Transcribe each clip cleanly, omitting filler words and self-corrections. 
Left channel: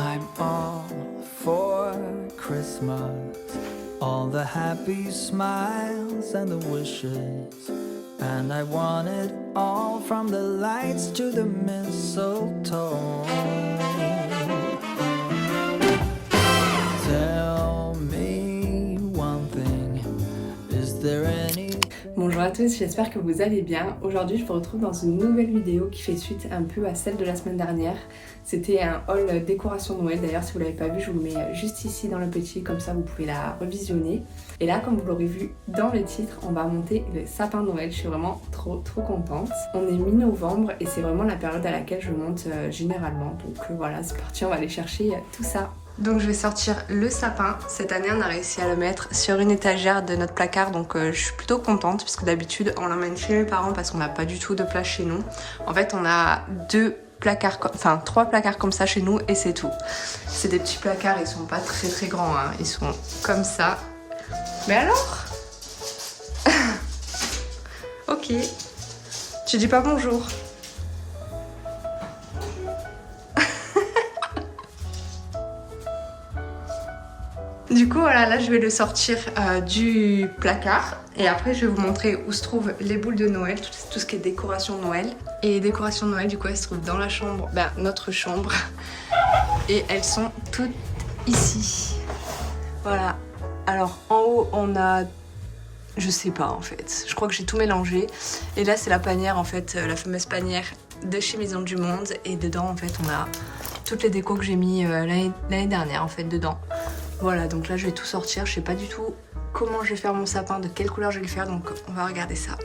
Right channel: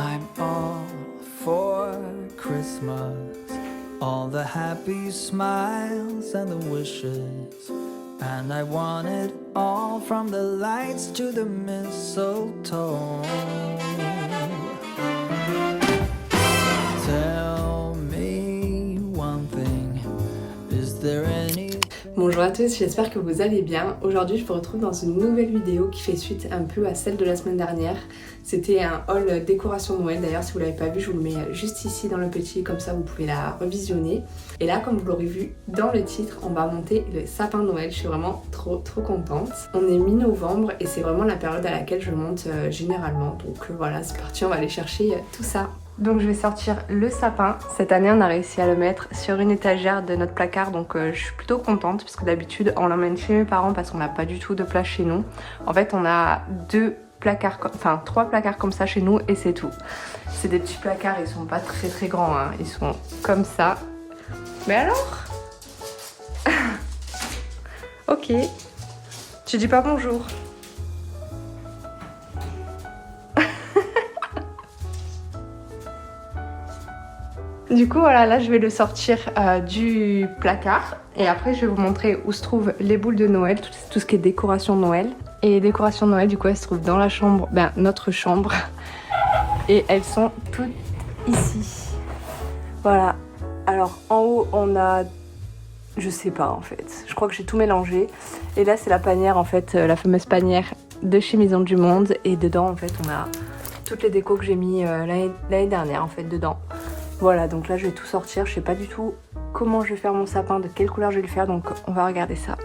I'm all for Christmas, all the happy smiles and the wishes, and I want it all from the lights to the mistletoe. Tell me one thing, is there any... Bonjour à tous, j'espère que vous allez bien. Aujourd'hui je vous retrouve dans une nouvelle vidéo qui fait suite un peu à celle de la semaine dernière. C'était un haul décoration Noël, d'ailleurs si vous ne l'avez pas vu je vous le mets juste ici dans le petit, comme ça vous pouvez la revisionner. Et là comme vous l'aurez vu dans le titre, on va monter le sapin Noël, je suis vraiment trop contente. On est mi-novembre et c'est vraiment la période à laquelle je monte généralement, donc voilà c'est parti, on va aller chercher tout ça. Donc je vais sortir le sapin. Cette année on a réussi à le mettre sur une étagère de notre placard, donc je suis plutôt contente puisque d'habitude on l'emmène chez mes parents parce qu'on n'a pas du tout de place chez nous. En fait on a trois placards comme ça chez nous et c'est tout. C'est des petits placards, ils sont pas très grands, hein. Ils sont comme ça. Mais alors ok. Tu dis pas bonjour? Du coup voilà, là je vais le sortir du placard et après je vais vous montrer où se trouvent les boules de Noël, tout ce qui est décoration Noël. Et les décorations Noël du coup elles se trouvent dans la chambre, notre chambre, et elles sont toutes ici. Voilà, alors en haut on a, je sais pas en fait, je crois que j'ai tout mélangé. Et là c'est la panière en fait, la fameuse panière de chez Maison du Monde, et dedans en fait on a toutes les décos que j'ai mis l'année dernière en fait dedans. Voilà, donc là je vais tout sortir, je sais pas du tout comment je vais faire mon sapin, de quelle couleur je vais le faire, donc on va regarder ça.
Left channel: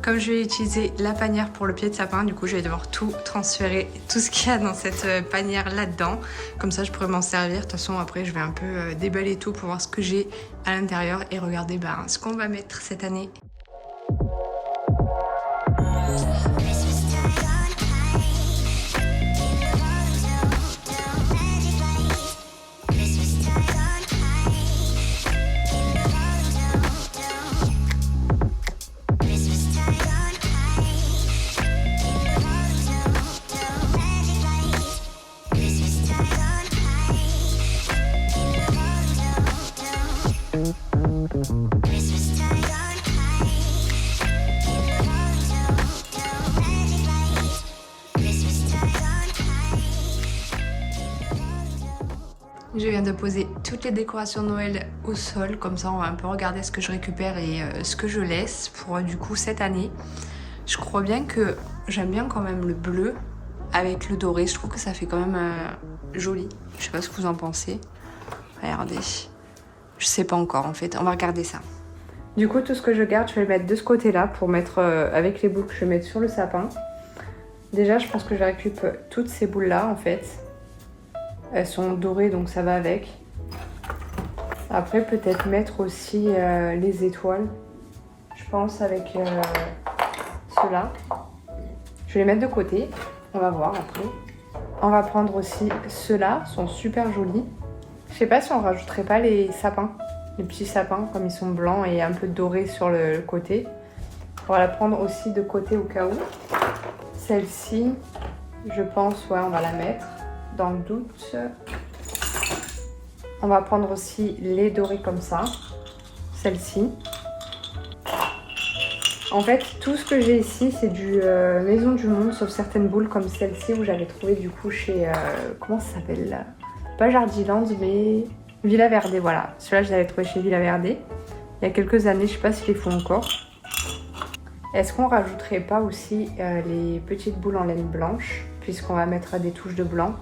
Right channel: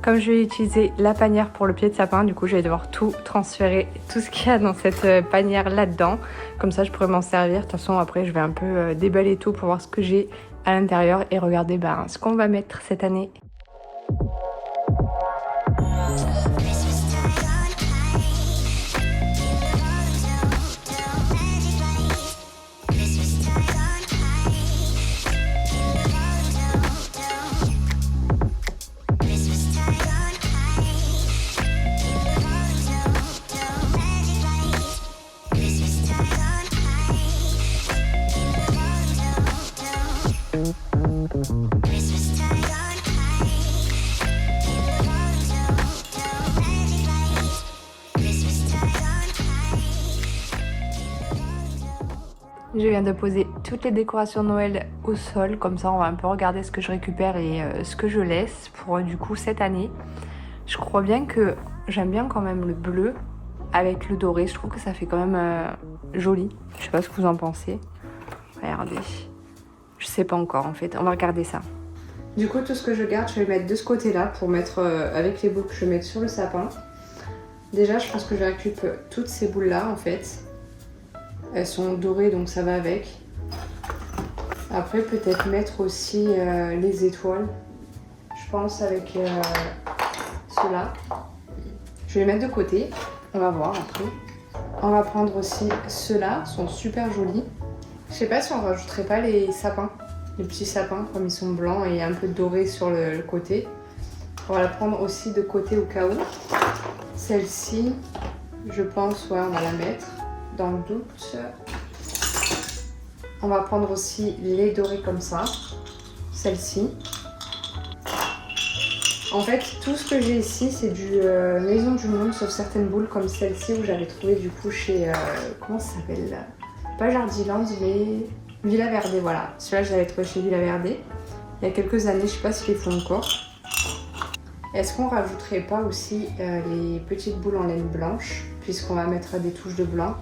Comme je vais utiliser la panière pour le pied de sapin, du coup je vais devoir tout transférer, tout ce qu'il y a dans cette panière là-dedans. Comme ça je pourrais m'en servir. De toute façon après je vais un peu déballer tout pour voir ce que j'ai à l'intérieur et regarder ce qu'on va mettre cette année. Je viens de poser toutes les décorations Noël au sol, comme ça on va un peu regarder ce que je récupère et ce que je laisse pour du coup cette année. Je crois bien que j'aime bien quand même le bleu avec le doré, je trouve que ça fait quand même joli. Je sais pas ce que vous en pensez. Regardez, je sais pas encore en fait, on va regarder ça. Du coup tout ce que je garde, je vais le mettre de ce côté là pour mettre avec les boules que je vais mettre sur le sapin. Déjà je pense que je récupère toutes ces boules là en fait. Elles sont dorées donc ça va avec. Après peut-être mettre aussi les étoiles. Je pense avec ceux-là. Je vais les mettre de côté. On va voir après. On va prendre aussi ceux-là, sont super jolis. Je sais pas si on rajouterait pas les sapins. Les petits sapins comme ils sont blancs et un peu dorés sur le côté. On va la prendre aussi de côté au cas où. Celle-ci, je pense, ouais, on va la mettre. Dans le doute, on va prendre aussi les dorés comme ça, celle-ci. En fait, tout ce que j'ai ici, c'est du Maison du Monde, sauf certaines boules comme celle-ci où j'avais trouvé du coup chez, comment ça s'appelle là? Pas Jardiland, mais Villa Verde, voilà. Celui-là, je l'avais trouvé chez Villa Verde il y a quelques années, je sais pas s'ils les font encore. Est-ce qu'on rajouterait pas aussi les petites boules en laine blanche, puisqu'on va mettre des touches de blanc?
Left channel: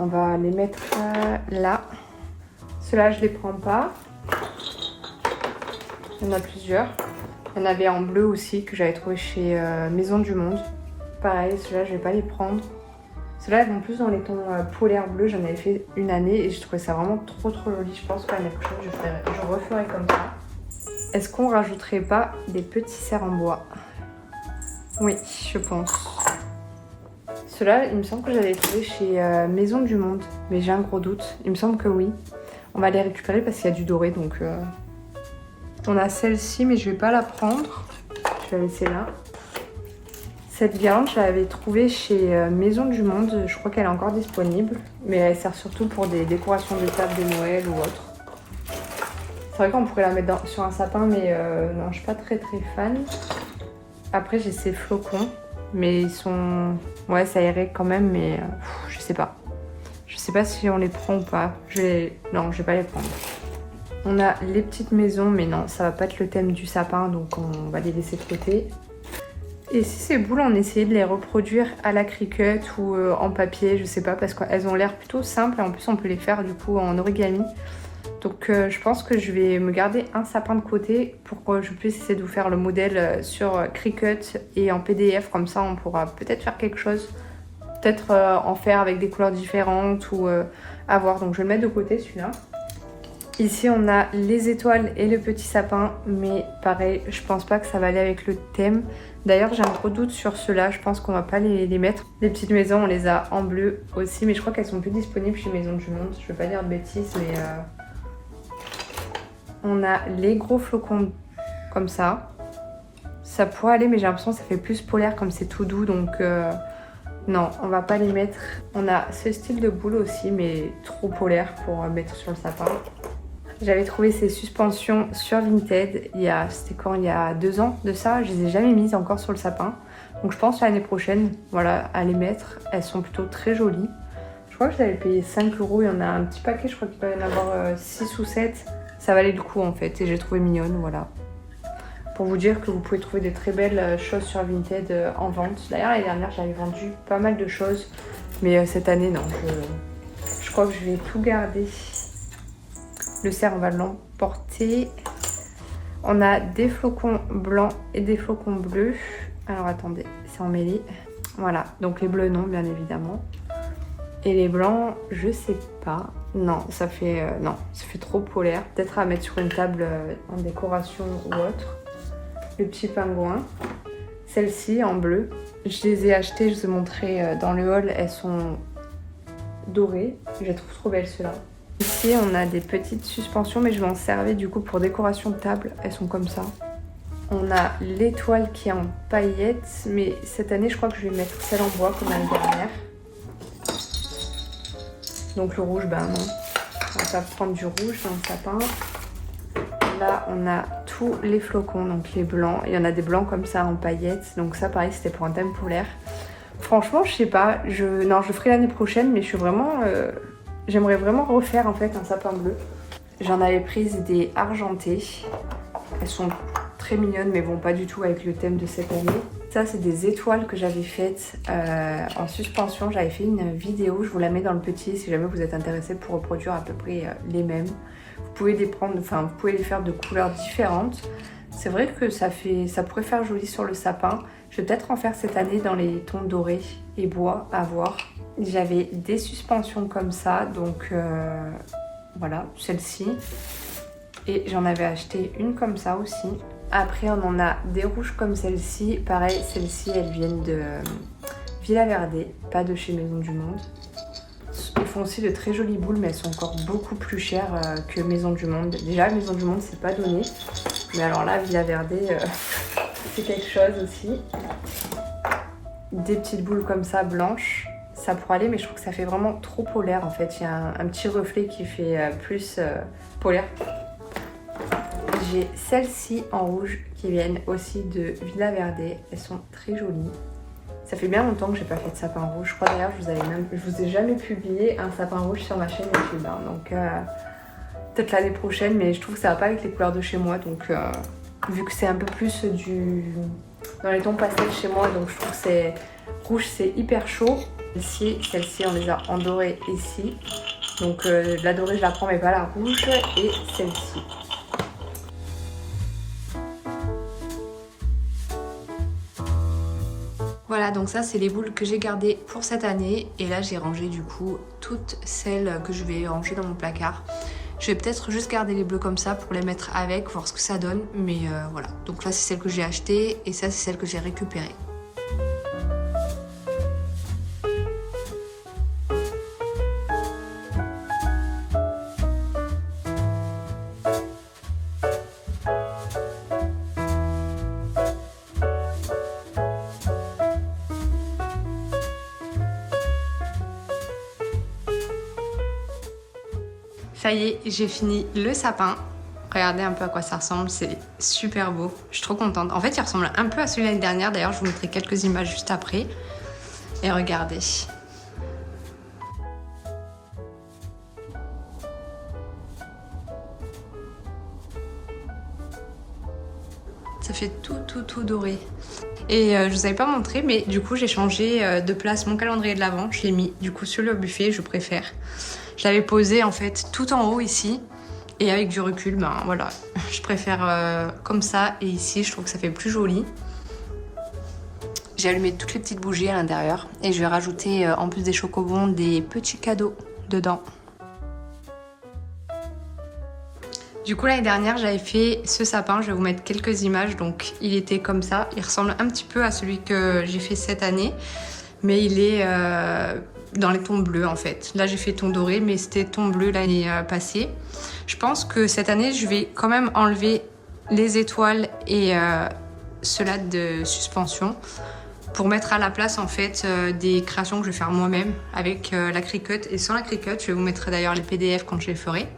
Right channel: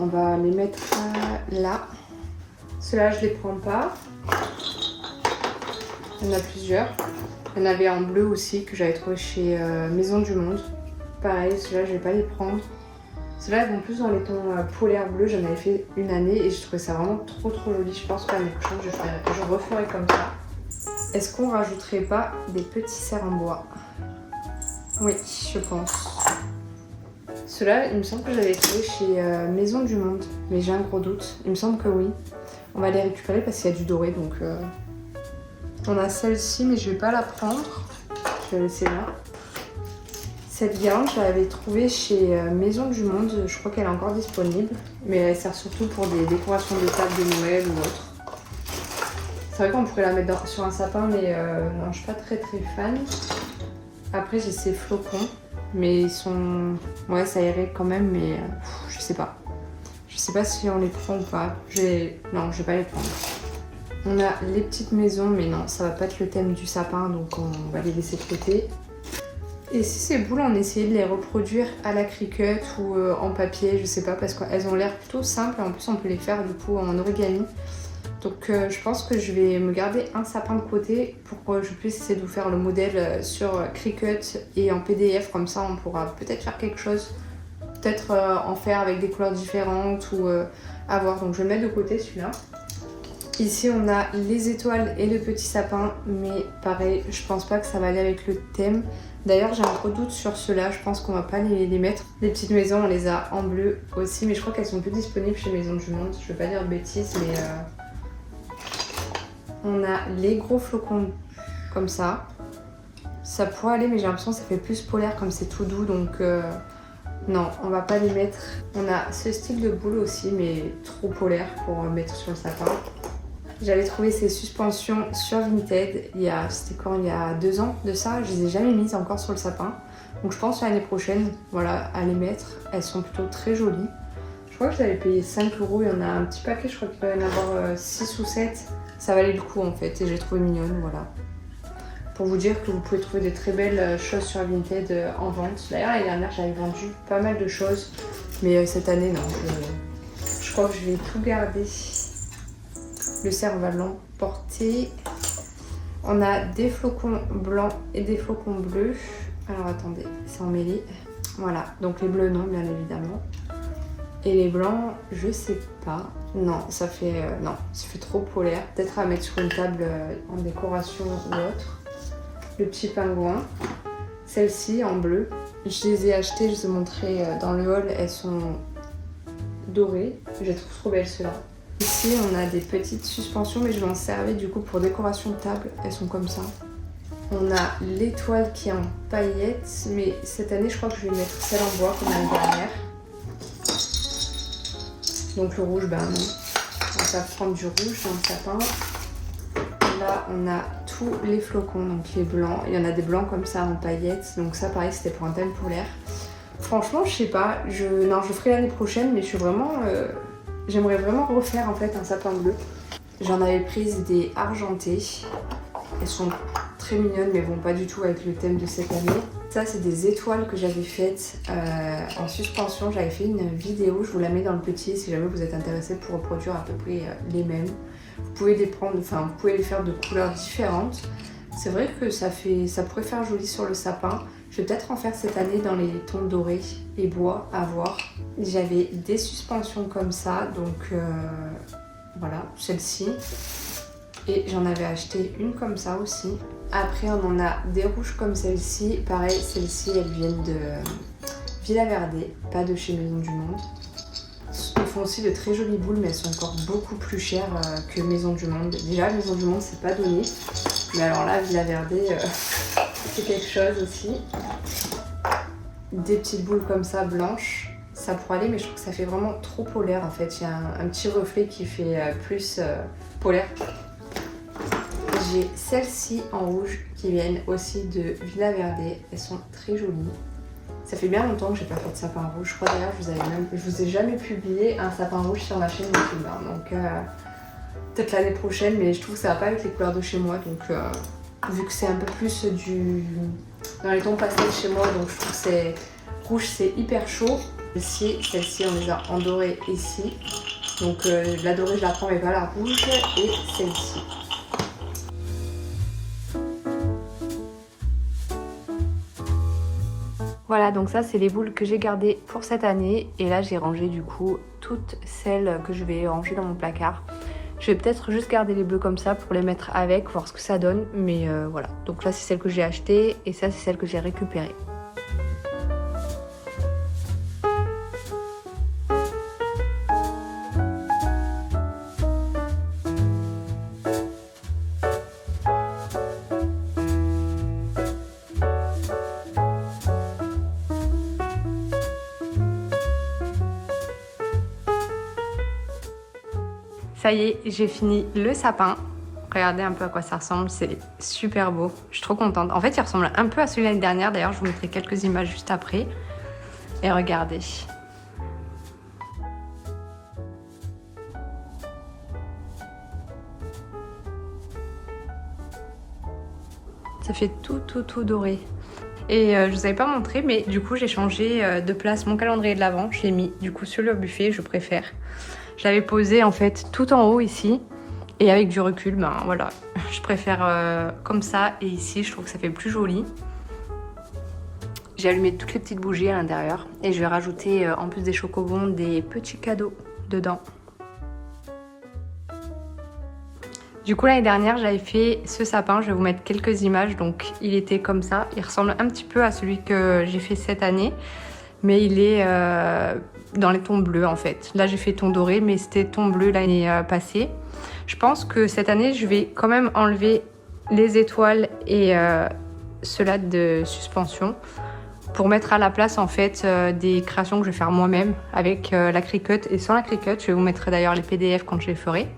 On va les mettre là. Ceux-là, je les prends pas. Il y en a plusieurs. Il y en avait en bleu aussi que j'avais trouvé chez Maison du Monde. Pareil, ceux-là je vais pas les prendre. Ceux-là elles vont plus dans les tons polaires bleus, j'en avais fait une année et je trouvais ça vraiment trop joli. Je pense que l'année prochaine je referai comme ça. Est-ce qu'on rajouterait pas des petits cerfs en bois? Oui, je pense. Ceux-là, il me semble que j'avais trouvé chez Maison du Monde, mais j'ai un gros doute. Il me semble que oui. On va les récupérer parce qu'il y a du doré, donc... On a celle-ci, mais je vais pas la prendre. Je vais la laisser là. Cette guirlande, je l'avais trouvée chez Maison du Monde. Je crois qu'elle est encore disponible, mais elle sert surtout pour des décorations de table de Noël ou autre. C'est vrai qu'on pourrait la mettre sur un sapin, mais non, je suis pas très fan. Après, j'ai ces flocons. Mais ils sont... Ouais, ça irait quand même, mais je sais pas. Je sais pas si on les prend ou pas. Non, je vais pas les prendre. On a les petites maisons, mais non, ça va pas être le thème du sapin, donc on va les laisser de côté. Et si ces boules, on essayait de les reproduire à la Cricut ou en papier, je sais pas, parce qu'elles ont l'air plutôt simples et en plus on peut les faire du coup en origami. Donc je pense que je vais me garder un sapin de côté pour que je puisse essayer de vous faire le modèle sur Cricut et en PDF, comme ça on pourra peut-être faire quelque chose, peut-être en faire avec des couleurs différentes ou à voir. Donc je vais le mettre de côté celui-là. Ici on a les étoiles et le petit sapin, mais pareil, je pense pas que ça va aller avec le thème. D'ailleurs j'ai un gros doute sur ceux-là, je pense qu'on va pas les mettre. Les petites maisons on les a en bleu aussi, mais je crois qu'elles sont plus disponibles chez Maison du Monde, je veux pas dire de bêtises, mais... On a les gros flocons comme ça. Ça pourrait aller, mais j'ai l'impression que ça fait plus polaire comme c'est tout doux, donc non, on va pas les mettre. On a ce style de boule aussi, mais trop polaire pour mettre sur le sapin. J'avais trouvé ces suspensions sur Vinted, c'était quand, il y a 2 ans de ça, je les ai jamais mises encore sur le sapin. Donc je pense l'année prochaine, voilà, à les mettre. Elles sont plutôt très jolies. Je crois que je l'avais payé 5 €, il y en a un petit paquet, je crois qu'il doit y en avoir 6 ou 7. Ça valait le coup en fait et j'ai trouvé mignonne, voilà. Pour vous dire que vous pouvez trouver des très belles choses sur Vinted en vente. D'ailleurs l'année dernière j'avais vendu pas mal de choses, mais cette année non. Je crois que je vais tout garder. Le cerf on va l'emporter. On a des flocons blancs et des flocons bleus. Alors attendez, c'est emmêlé. Voilà, donc les bleus non bien évidemment. Et les blancs, je sais pas. Non, ça fait trop polaire. Peut-être à mettre sur une table en décoration ou autre. Le petit pingouin. Celles-ci en bleu. Je les ai achetées, je vous ai montré dans le haul. Elles sont dorées. Je les trouve trop belles ceux-là. Ici, on a des petites suspensions, mais je m'en servais du coup pour décoration de table. Elles sont comme ça. On a l'étoile qui est en paillettes, mais cette année, je crois que je vais mettre celle en bois comme l'année dernière. Donc le rouge, bah non, on va pas prendre du rouge dans le sapin. Là, on a tous les flocons, donc les blancs. Il y en a des blancs comme ça en paillettes, donc ça pareil, c'était pour un thème polaire. Franchement, je sais pas, je ferai l'année prochaine, mais je suis vraiment... j'aimerais vraiment refaire en fait un sapin bleu. J'en avais prise des argentées. Elles sont très mignonnes, mais vont pas du tout avec le thème de cette année. Ça, c'est des étoiles que j'avais faites en suspension. J'avais fait une vidéo, je vous la mets dans le petit si jamais vous êtes intéressé pour reproduire à peu près les mêmes. Vous pouvez les prendre, enfin vous pouvez les faire de couleurs différentes. C'est vrai que ça pourrait faire joli sur le sapin. Je vais peut-être en faire cette année dans les tons dorés et bois à voir. J'avais des suspensions comme ça, donc voilà, celle-ci. Et j'en avais acheté une comme ça aussi. Après, on en a des rouges comme celle-ci. Pareil, celles-ci, elles viennent de Villa Verde, pas de chez Maison du Monde. Ils font aussi de très jolies boules, mais elles sont encore beaucoup plus chères que Maison du Monde. Déjà, Maison du Monde, c'est pas donné. Mais alors là, Villa Verde, c'est quelque chose aussi. Des petites boules comme ça, blanches. Ça pourrait aller, mais je trouve que ça fait vraiment trop polaire en fait. Il y a un petit reflet qui fait plus polaire. J'ai celles-ci en rouge qui viennent aussi de Villa Verde. Elles sont très jolies. Ça fait bien longtemps que j'ai pas fait de sapin rouge. Je crois d'ailleurs que je vous ai jamais publié un sapin rouge sur ma chaîne YouTube. Donc peut-être l'année prochaine, mais je trouve que ça va pas avec les couleurs de chez moi. Donc vu que c'est un peu plus dans les tons pastels chez moi, donc je trouve que c'est rouge, c'est hyper chaud. Ici, celle-ci, on les a en doré ici. Donc la dorée, je la prends, mais pas la rouge. Et celle-ci. Voilà, donc ça c'est les boules que j'ai gardées pour cette année. Et là j'ai rangé du coup toutes celles que je vais ranger dans mon placard. Je vais peut-être juste garder les bleus comme ça pour les mettre avec, voir ce que ça donne. Mais voilà, donc là c'est celle que j'ai achetée et ça c'est celle que j'ai récupérée. Ça y est, j'ai fini le sapin. Regardez un peu à quoi ça ressemble, c'est super beau. Je suis trop contente. En fait, il ressemble un peu à celui de l'année dernière. D'ailleurs, je vous mettrai quelques images juste après. Et regardez. Ça fait tout doré. Et je vous avais pas montré, mais du coup, j'ai changé de place mon calendrier de l'Avent. Je l'ai mis du coup sur le buffet, je préfère. Je l'avais posé en fait tout en haut ici. Et avec du recul, ben voilà, je préfère comme ça. Et ici, je trouve que ça fait plus joli. J'ai allumé toutes les petites bougies à l'intérieur. Et je vais rajouter, en plus des chocobons, des petits cadeaux dedans. Du coup, l'année dernière, j'avais fait ce sapin. Je vais vous mettre quelques images. Donc, il était comme ça. Il ressemble un petit peu à celui que j'ai fait cette année. Mais il est dans les tons bleus, en fait. Là, j'ai fait ton doré, mais c'était ton bleu l'année passée. Je pense que cette année, je vais quand même enlever les étoiles et ceux-là de suspension pour mettre à la place, en fait, des créations que je vais faire moi-même avec la Cricut et sans la Cricut. Je vous mettrai d'ailleurs les PDF quand je les ferai.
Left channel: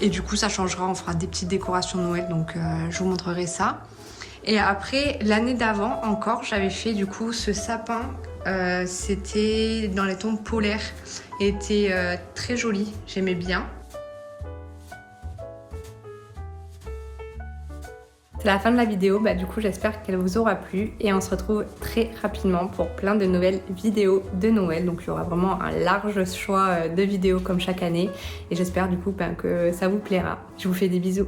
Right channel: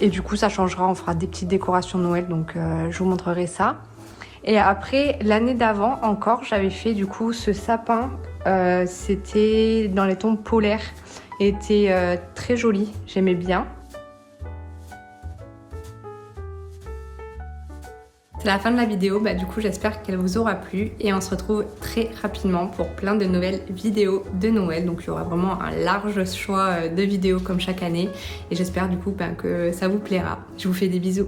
Et du coup, ça changera, on fera des petites décorations de Noël, donc je vous montrerai ça. Et après, l'année d'avant encore, j'avais fait du coup ce sapin. C'était dans les tons polaires. Il était très joli, j'aimais bien. C'est la fin de la vidéo, du coup j'espère qu'elle vous aura plu et on se retrouve très rapidement pour plein de nouvelles vidéos de Noël. Donc il y aura vraiment un large choix de vidéos comme chaque année et j'espère du coup que ça vous plaira. Je vous fais des bisous.